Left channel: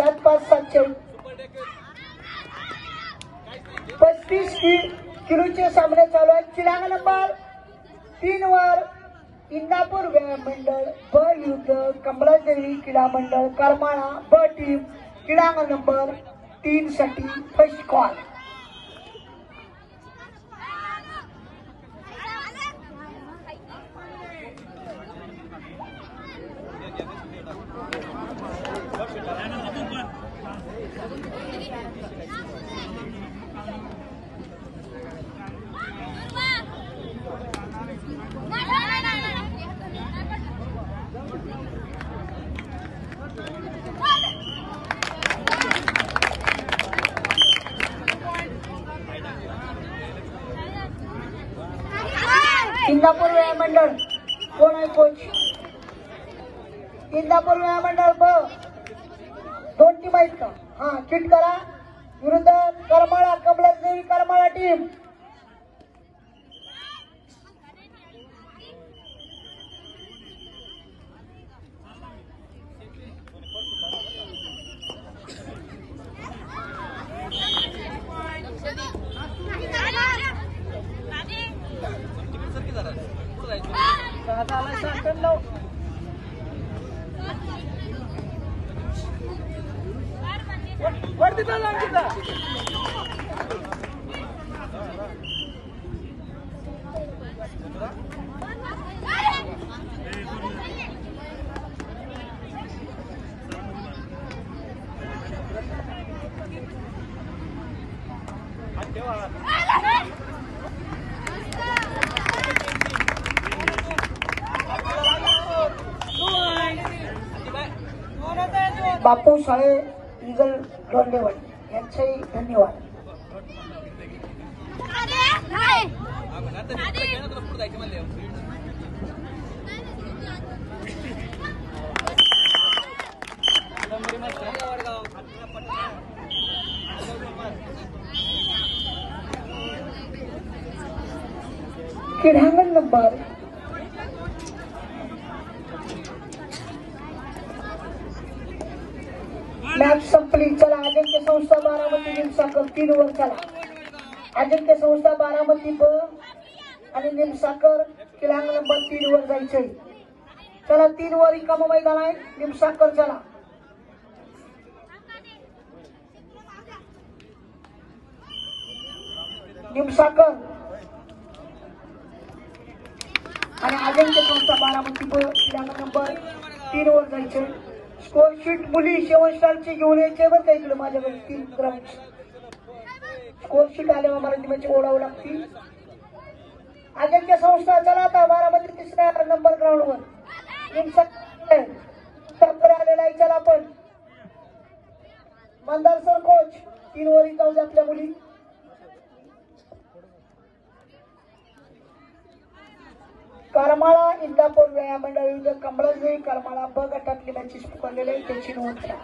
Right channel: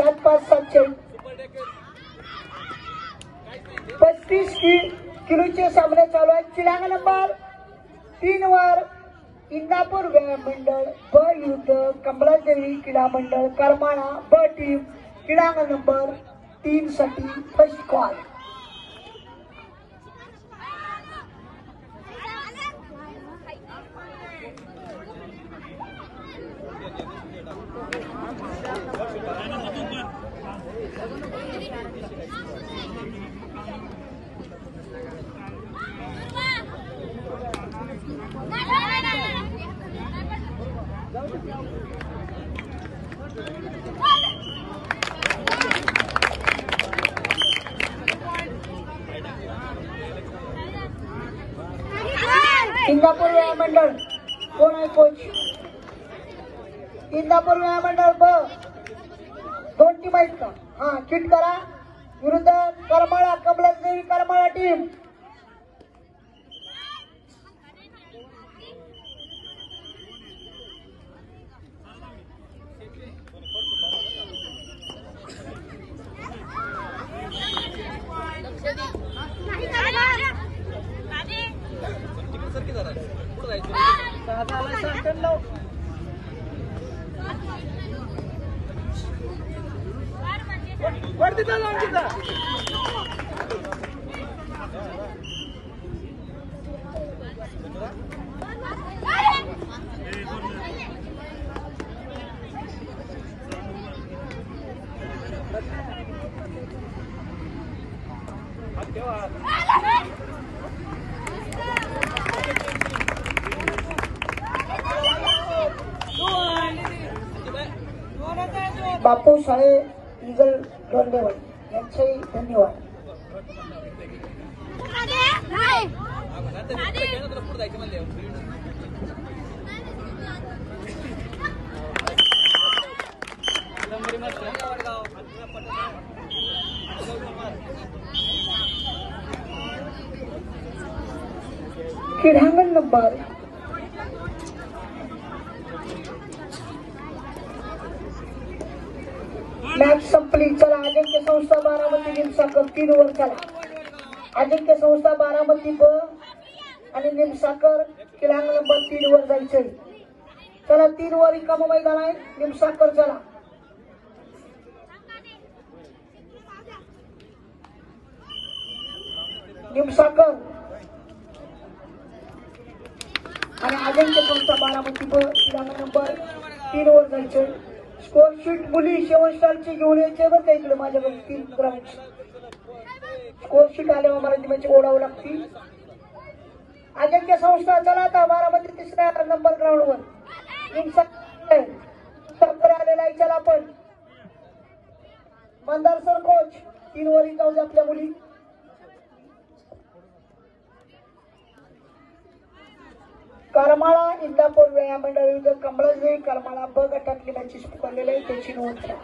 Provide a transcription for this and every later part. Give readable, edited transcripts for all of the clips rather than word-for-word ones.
7-5-7 35 किलोचे सामने चालू आहेत. चिलांग नंबर 3 वर इंदापूर व्यायाम मंडळ ब युद्ध कमलादेवी क्रीडा मंडळ करमाळा ब टीम क्रीडांग नंबर 3 साठी फर्स्ट कॉल. इंदापूर व्यायाम मंडळ कोण आहे कोच? इंदापूर व्यायाम मंडळ ब 2 टीम आहेत का? हा किट करा. विरुद्ध करमाळा कमलादेवी करमाळा टीम. बापू साळे इगल दोंडेवाडी यांचे धन्यवाद. क्रीडांगण नंबर मॅच संपली. चला अजिंक्य संस्था बारामती निमसाकर 3 ओव्हर चला. अजिंक्य संस्था बारामती ब आणि निमसाकर क्रीडांगण नंबर 3 वर जायचंय. चला 3 ओव्हर रिकाम मैदान आहे. निमसाकर चला. निमसाकर आणि अजिंक्य संस्था बारामती ब क्रीडांगण नंबर 3 वर जायचंय. स्कोर शीट मुली शेवटची घेऊन यायचे बरं का इकडे माझ्याकडे 3 ग्रामीण स्कोर शीट आले मराठी म्हणजे ओढावं लागतील. अजिंक्य संस्था चला आता बारामती 3ऱ्या नंबर ग्राउंडवर सरकार आलेला आहे. चला आपण मंदार सर कोच 3 ओव्हर जाऊ दे आपल्या मुली. करमाळा इंदापूर व्यायाम मंडळ विरुद्ध कमलादेवी करमाळा ब गटातली मॅचेस पकडलेले त्याची नोंद करा.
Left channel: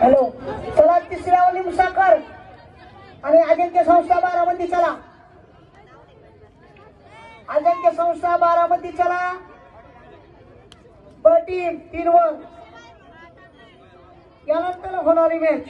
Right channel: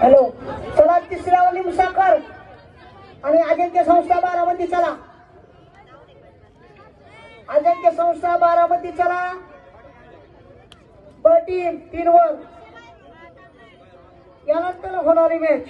हॅलो चला 3ऱ्या निमसाकर आणि अजिंक्य संस्था बारामती चला. अजिंक्य संस्था बारामती चला. ब टीम 3 वर यानंतर होणारी मॅच